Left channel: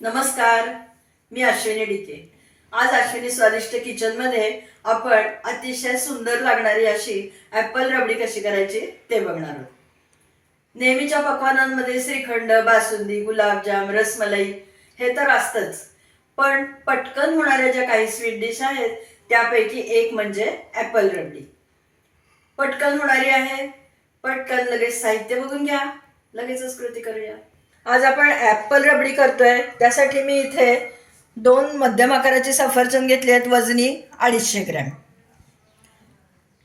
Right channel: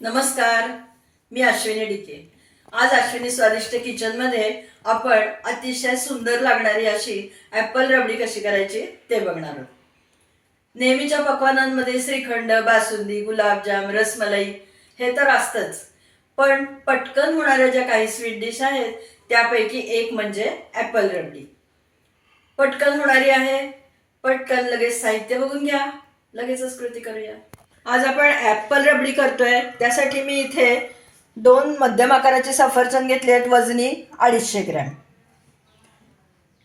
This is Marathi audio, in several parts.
नमस्कार मी अश्विनी डिके आज अश्विनी स्वादिष्ट किचनमध्ये आपण अतिशय सुंदर लागणारी अशी ॲपल रबडी कशी करायची ते बघणार आहोत. नेहमीच्या पकवानांमध्ये श्रीखंड बासुंदी गुलाबजाम रसमलाई हे तर असतंच. पण पटकन होणाऱ्या ज्या काही स्वीट डिश आहेत त्यापैकी एक म्हणजे ॲपल रबडी. पटकन होणारी आहे. पटकन लगेच साहित्य बघून घ्या. लगेचच कृती करूया. आज आपण ॲपल रबडी करतोय. त्यासाठी मी इथे दोन मध्यम आकाराचे सफरचंद घेतले आहेत. वजनी अडीचशे ग्रॅम.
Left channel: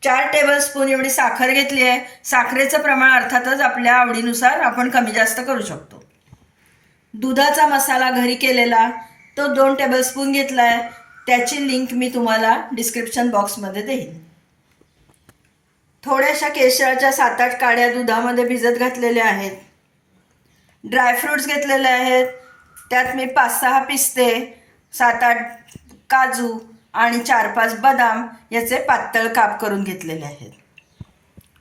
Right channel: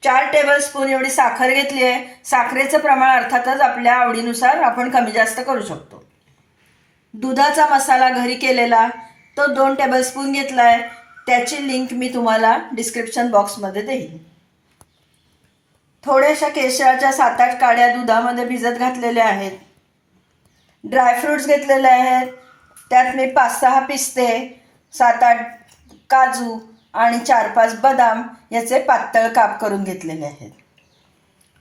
चार टेबलस्पून एवढी साखर घेतली आहे. साखरेचं प्रमाण अर्थातच आपल्या आवडीनुसार आपण कमी जास्त करू शकतो. दुधाचा मसाला घरी केलेला तो दोन टेबलस्पून घेतला आहे त्याची लिंक मी तुम्हाला डिस्क्रिप्शन बॉक्समध्ये देईन. थोड्याशा केशराच्या सात आठ काड्या दुधामध्ये भिजत घातलेल्या आहेत. ड्रायफ्रूट्स घेतलेले आहेत. त्यात मी पाच सहा पिस्ते सात आठ काजू आणि चार पाच बदाम याचे पातळ काप करून घेतलेले आहेत.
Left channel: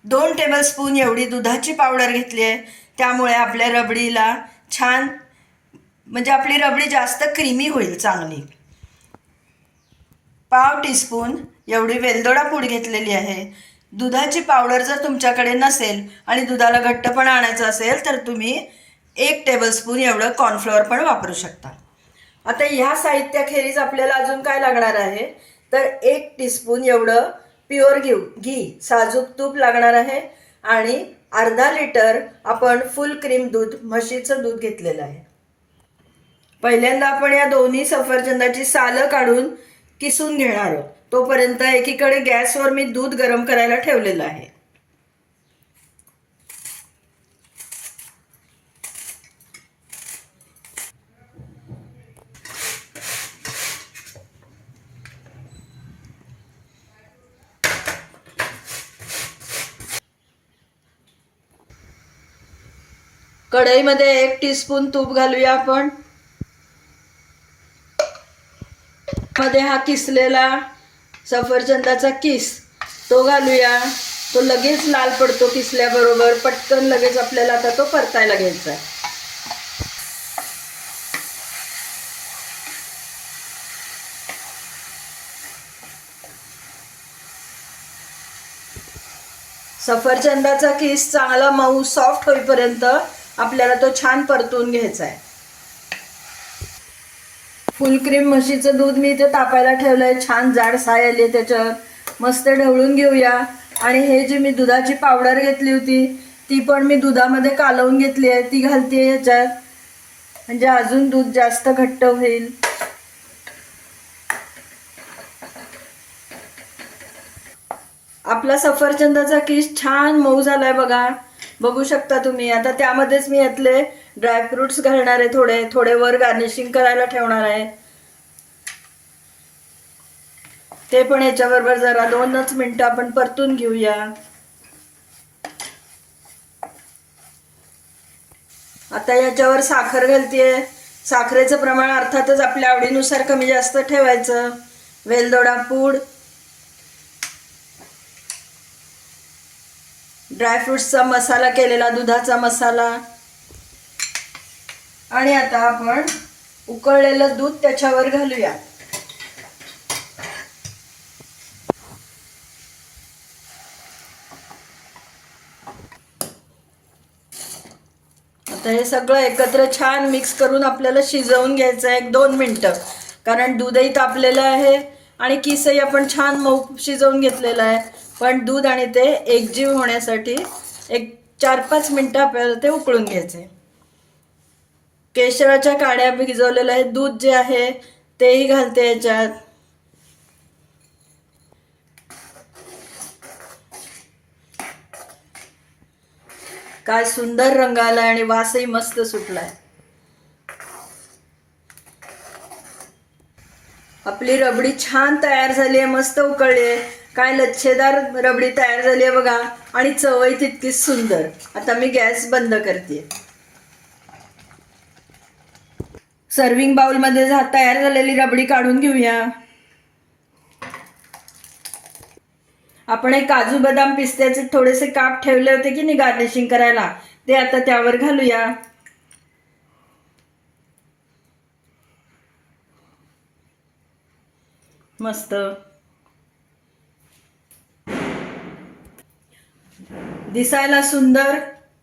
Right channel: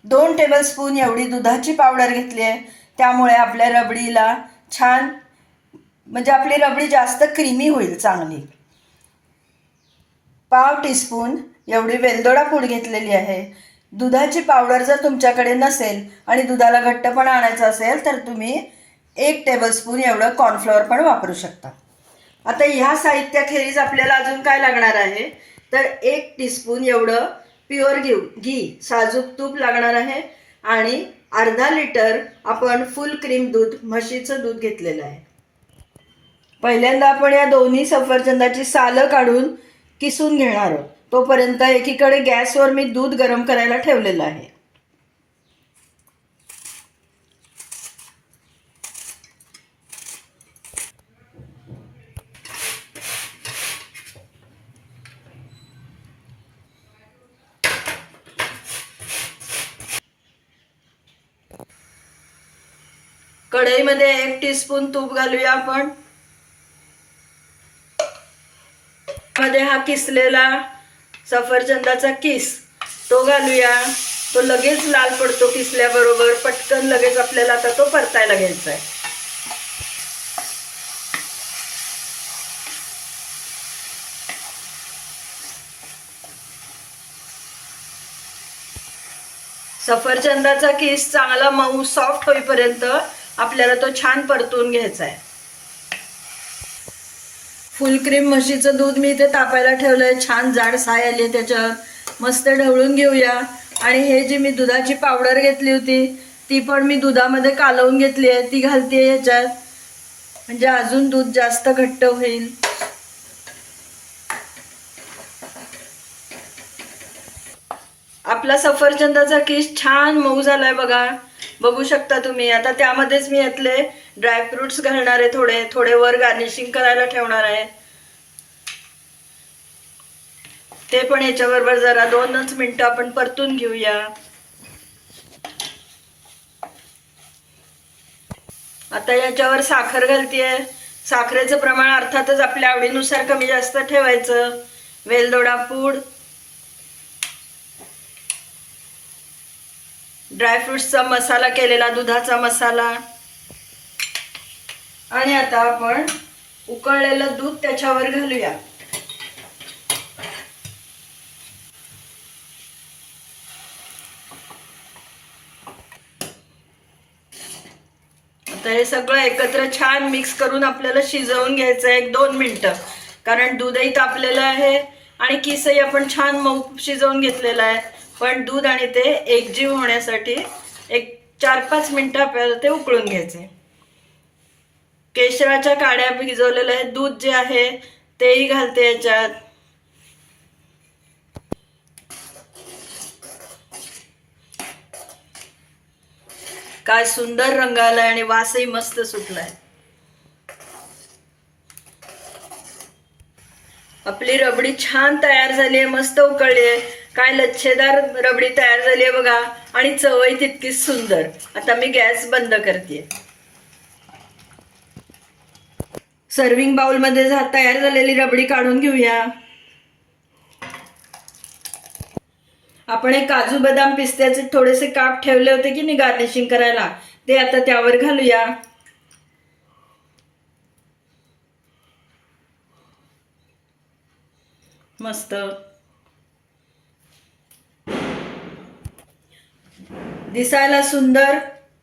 दोन टेबलस्पून एवढी दुधाची पावडर घेतली आहे. त्यामुळे आपल्या रबडीला छान म्हणजे आपली रबडी जास्त क्रीमी होईल चांगली. पाव टीस्पून एवढी वेलदोडा पूड घेतलेली आहे. दुधाची पावडर जर तुमच्याकडे नसेल आणि दुधाला घट्टपणा आणायचं असेल तर तुम्ही एक टेबलस्पून एवढं कॉर्नफ्लॉवर पण वापरू शकता. आता ह्या साहित्याखेरीज आपल्याला अजून काय लागणार आहे? तर एक टीस्पून एवढं प्युअर घेऊ घी साजूक तूप लागणार आहे आणि अर्धा लिटर आपण फुल क्रीम दूध म्हशीचं दूध घेतलेलं आहे. पहिल्यांदा आपण या दोन्ही सफरचंदाची सालं काढून किसून घेणार आहोत. तोपर्यंत एकीकडे गॅसवर मी दूध गरम करायला ठेवलेलं आहे. कढईमध्ये एक टीस्पून तूप घालूया आपण. मध्ये हा किसलेला सफरचंदाचा किस तो घालूया. तो लगेच लाल पडतो किसल्याबरोबर. पटकन लगेच आपल्याला आता तो परतायला घ्यायचा आहे सफरचंदाचा किस चांगला मऊ सॉफ्ट होईपर्यंत आपल्याला तो छान परतून घ्यायचा आहे. फुल क्रीम म्हशीचं दूध मी इथे तापायला ठेवलंय. छान जाड साय आली आहे त्याच्यावर. मस्त ढवळून घेऊया. आणि हे जी मी दुधाची पावडर घेतली होती ती पण मी दुधामध्ये कालवून घेतली आहे. ती घालते ह्याच्यात. म्हणजे अजून दूध जास्त घट्ट होईल. आपला सफरचंदाचा किस छान मऊ झालाय बघा. बघू शकता तुम्ही. आता त्यामध्येच मी यातले ड्रायफ्रुट्स घालणार आहे थोडे. थोडे वर गार्निशिंग करायला ठेवणार आहे. ते पण याच्याबरोबर जरा दोनच मिनिटं आपण परतून घेऊया. आता याच्यावर साखर घालतीये. साखरेचं प्रमाण अर्थातच आपल्या आवडीनुसार कमी जास्त ठेवायचं. वेलदोडा पूड ड्रायफ्रूट्सचा मसाला केलेला दुधाचा मसाला. आणि आता आपण उकळलेलं दूध त्याच्यावर घालूया. आता हे सगळं एकत्र छान मिक्स करून आपल्याला शिजवून घ्यायचं आहे एक दोन मिनटं. कारण दूधही तापलेलं आहे. आणि किसही आपण छान मऊ शिजवून घेतलेलं आहे. पण दूध आणि ते एकजीव होण्यासाठी एक चार पाच मिनटं आपल्याला ते उकळून घ्यायचे. केशराच्या काड्या भिजवलेल्या आहेत. दूध जे आहे तेही घालते याच्यात. काय सुंदर रंग आलाय आणि वासही मस्त सुटलाय. आपली रबडी छान तयार झाली आहे मस्त उकळली आहे. काय लच्छेदार रबडी तयार झाली आहे बघा. आणि चवही तितकीच सुंदर. आता मी गॅस बंद करते. सर्विंग बाउलमध्ये तयार झालेली रबडी काढून घेऊया. आपण हे काजू बदाम पिस्त्याचे थोडेसे काप ठेवले होते की नाही गार्निशिंग करायला? ते आता त्यावर घालूया. मस्त. दिसायला सुंदर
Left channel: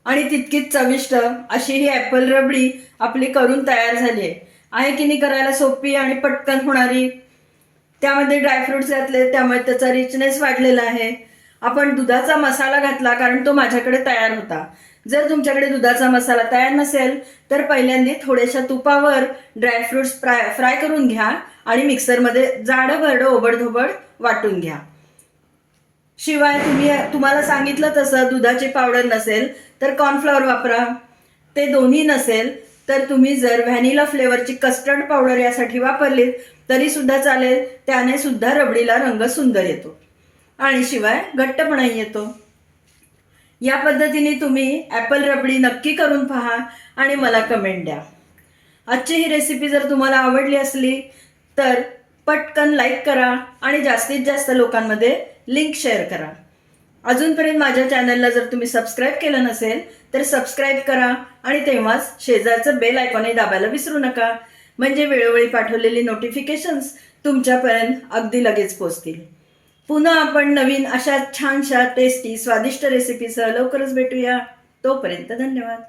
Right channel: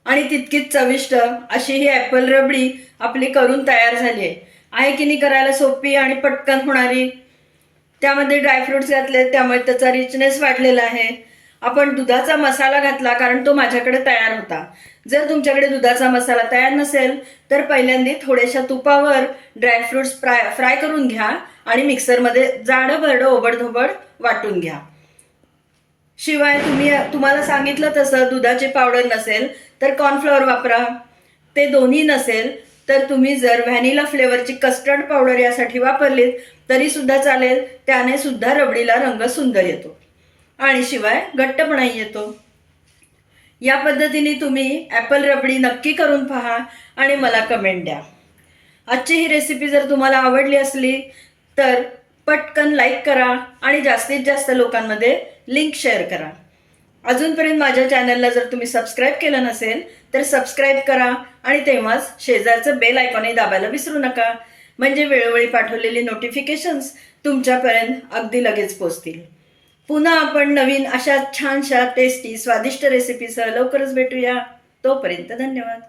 आणि तितकीच चविष्ट अशी ही ॲपल रबडी आपली करून तयार झाली आहे. आहे की नाही करायला सोपी आणि पटकन होणारी? त्यामध्ये ड्रायफ्रुट्स घातले त्यामुळे त्याचा रिचनेस वाढलेला आहे. आपण दुधाचा मसाला घातला कारण तो माझ्याकडे तयार होता. जर तुमच्याकडे दुधाचा मसाला तयार नसेल तर पहिल्यांदा थोड्याशा तुपावर ड्रायफ्रुट्स फ्राय फ्राय करून घ्या. आणि मिक्सरमध्ये जाडं भरडं ओबडधोबड वाटून घ्या. शिवाय तुम्ही तुम्हाला सांगितलं तसं दुधाची पावडर नसेल तर कॉर्नफ्लॉवर वापरा. ते दोन्ही नसेल तर तुम्ही जर व्हॅनिला फ्लेवरची कस्टर्ड पावडर यासाठी वापरलीत तरी सुद्धा चालेल त्याने सुद्धा रबडीला रंग सुंदर येतो. आणि शिवाय घट्टपणाही येतो. या पद्धतीने तुम्ही ॲपल रबडी नक्की करून पहा आणि मला कमेंट द्या. आजची ही रेसिपी जर तुम्हाला आवडली असली तर पटकन लाईक करा आणि जास्तीत जास्त लोकांमध्ये लिंक शेअर करा. अजूनपर्यंत माझ्या चॅनलला जर तुम्ही सबस्क्राईब केलं नसेल तर सबस्क्राईब करा आणि तेव्हाच शेजारचं बेल आयकॉनही दाबायला विसरू नका. म्हणजे वेळोवेळी पाठवलेली नोटिफिकेशन्स तुमच्यापर्यंत अगदी लगेच पोचतील. पुन्हा आपण नवीन अशा छानशा टेस्टी स्वादिष्ट रेसिपीसह लवकरच भेटूया. तोपर्यंत धन्यवाद.